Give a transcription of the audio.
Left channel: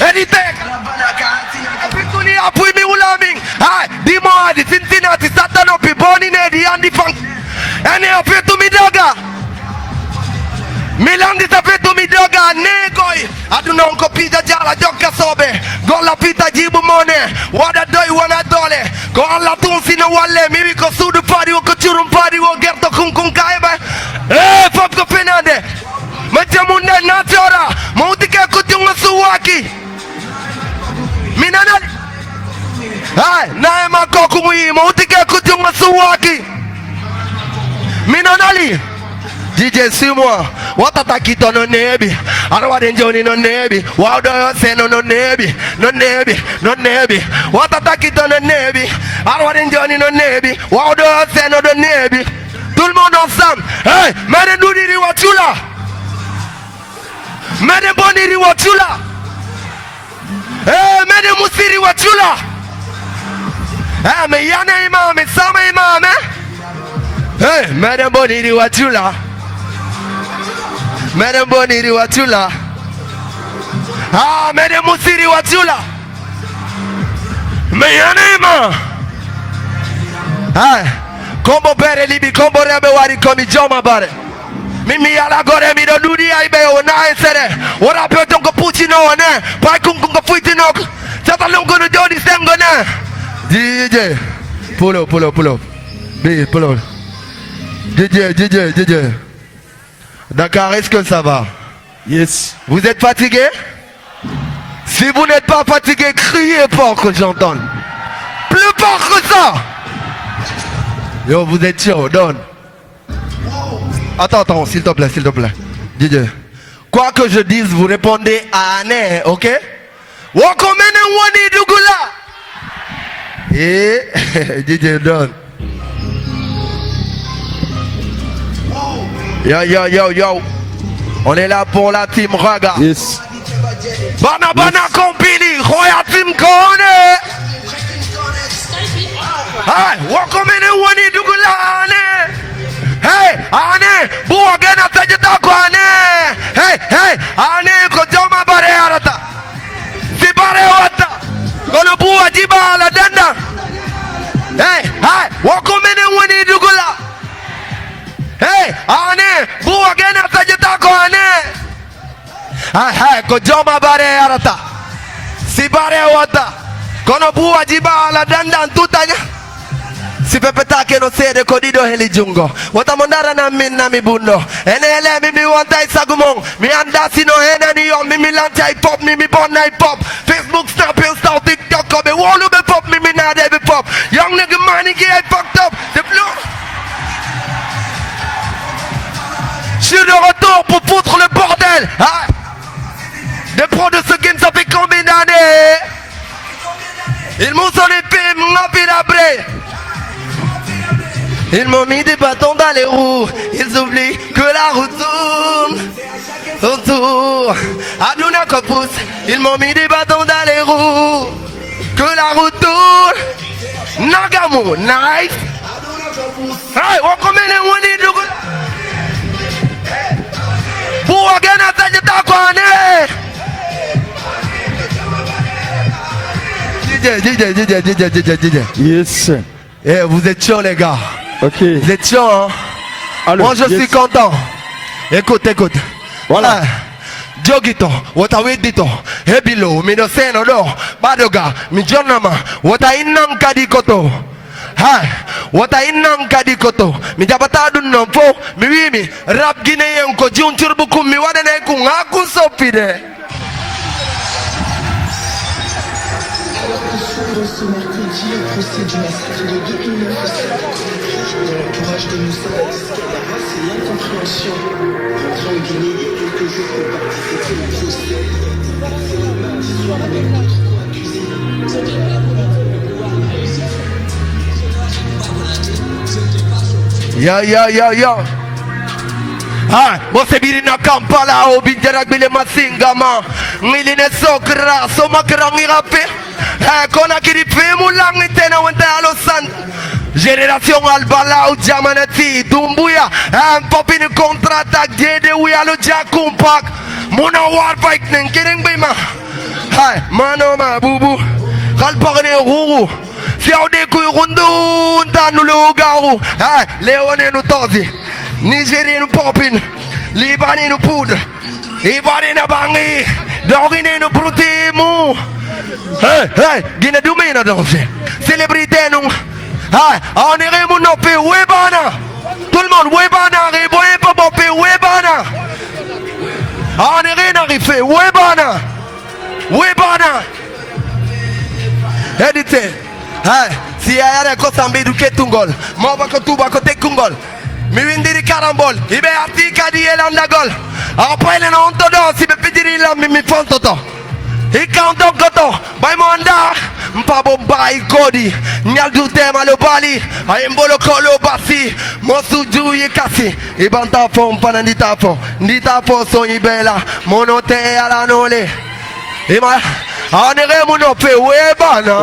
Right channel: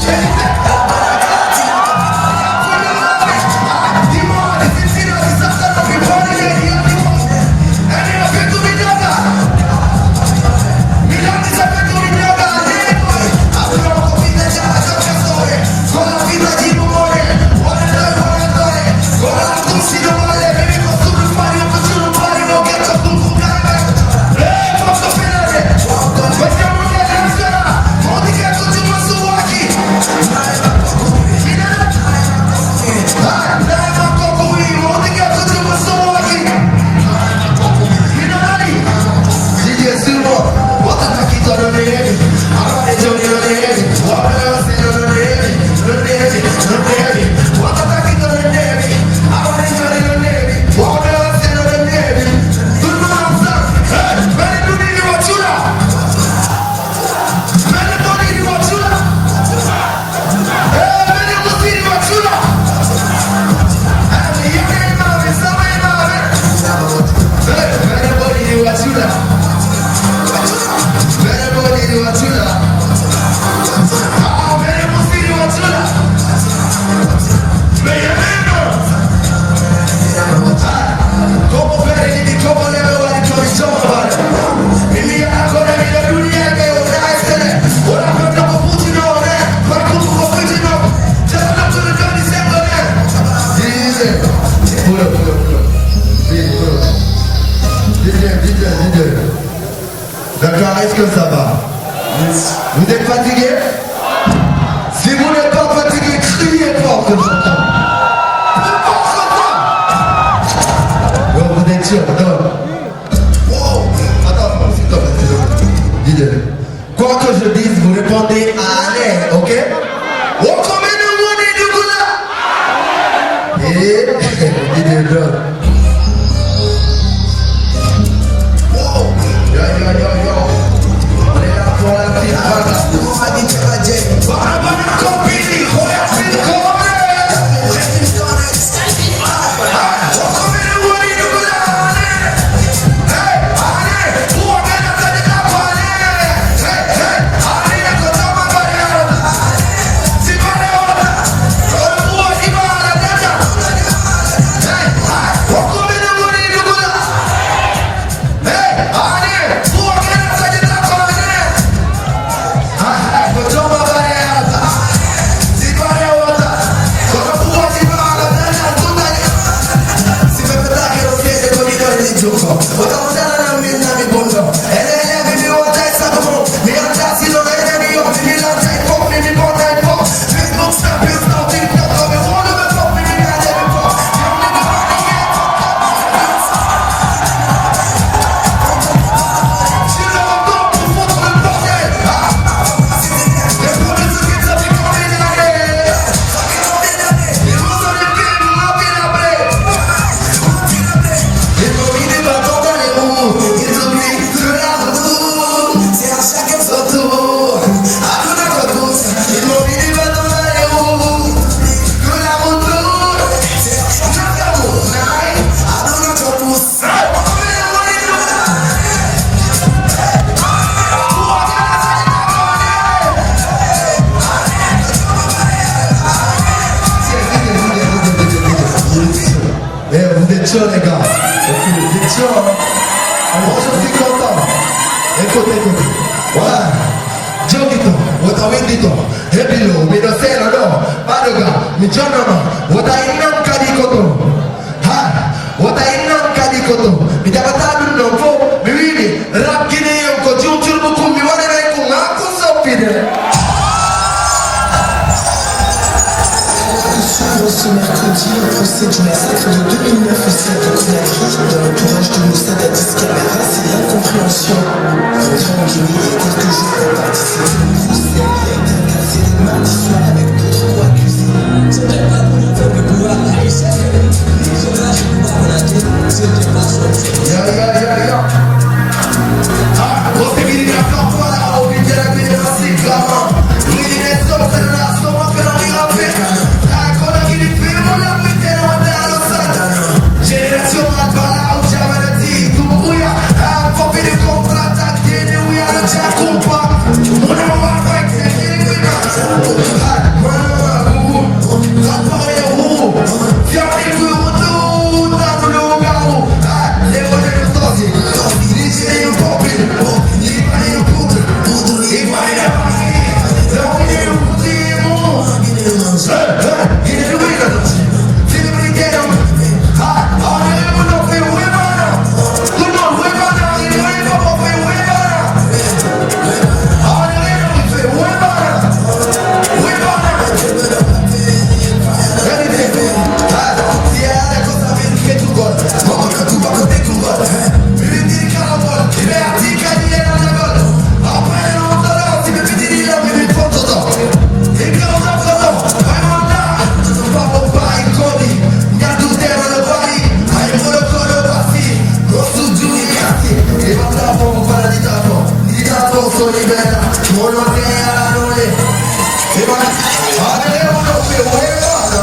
Anything. Put me ulami. The more the city not the Satan up in born in the and the funk. And they appear to me dogga. Milan disappear to me dogga. Negoi. I don't know copy the java jocka sobe. Go la pita jibu money. What I do when I do it. Go la tunsi no wale. Miracle to the party. Who could you party? Who get the kung kung kai back. Hey, pop the finade. Majamunde najora. Moutike kutunga suwaki. Minadad. Hai, naema kokui. Moutike kutunga suwaki. Minadali. DJ Simwa. What a taki to no name. I don't want to join no name. What do you say no name? No name. No name. What a taki to no name. I don't want to join no name. What do you say no name? Tout le monde ensemble. Hey, mene duni ni wachula. Mene boni ni wachula. Hey, mene musi ni wachula. Hey, me yane imam, it's sama imam, eh? Hey, mene boni ni wachula. Mene boni ni wachula. Ah, mene musi ni wachula. Me yane imam. Hey. Combo bere libi combo rebe wari komi joma bare. Mimi ala gore mi do dunia ibe ona esere. Ora pe tongo puchi no ne. Pa kungu ko fuiti no. Tata longo no joni sengo ne. DJ. Pull up. DJ, pull up. DJ. D'accord, est-ce que ça va? Yes. Vous êtes fatigué? Si vous n'êtes pas fatigué, criez fort que j'entende. Plus fort que ça. Yo, vous êtes chaud, donne. Attends, s'il te plaît. DJ. Quoi que je dise, vous répondez à l'air, ok? Wakomene woni dugula. Et DJ donne. Yo. On est là pour la team Raga. Yes. Bana compagnie, Royal Team Kone. Wakomene woni dugula. Hey, ane, buogana tajita kwane. Hey, ane, kotoma bare arata. Si bare ota, kono bua jiba la danda. Hey, wakomene woni dugula. Hey, ane, buogana tajita kwane. Kotoma bare arata. Si bare ota, kono bua jiba la danda. Si pepe take no sede konido heli jungo. Wata modara na minna mi bundo. Enele mi wanta isagumo. Mi anda sino eneni yo. Mi lanta hip-hop, mi bona hip-hop. Facebook snapping something just come. Me wanna me pop, mi nade me pop. Young nigga money get fucked up. The blues. Je suis de retour pour foutre le bordel. Des pros de ceux qui savaient combien d'années. Ils m'ont donné le film, m'ont appelé après. Ils m'ont mis des bâtons dans les roues. Ils oublient que la route autour. Aduna Koput. Ils m'ont mis des bâtons dans les roues. Que la route tourne. Nagamo, night. On remet les woni du. Pour gagner ta tête à connaître. DJ. Yes. Eh, vous êtes chauds les gars. Ok. Vous êtes chauds, hein? Moi je suis content. Écoute. Voilà. Jogito, Wotawindito, Hebilo, Minoseno, no, Badoga, Mijonama, Wotainam Kadikoto. Ha, Wotainam Kadikoto. Mijapatadu no po, Miwi, Rap Guinea, Kojun Turbukum, Miwane Kungaku Sopide. Ce mercredi, le 7 juin, de 2009 à 59, dans l'entourage de Moussa la disque à la race et l'incompréhension. Reviens en Guinée et quelques jours pour participer au procès et être placé de partition avec 2-3 accusés. Ya. Você vira na Kampala, o vídeo era bem massigama. Menina é só graça, uma graminha pé. Quando aquele filme lá me tem na no santo. Geração Albala, o Jamanati, Dumbuya. Pop in contra-ataque, de Uya no Jack Kumpak. Mona War Fight, nem querem bem mais. bana nditapo soyibela monote ala nole ema anere monope we bana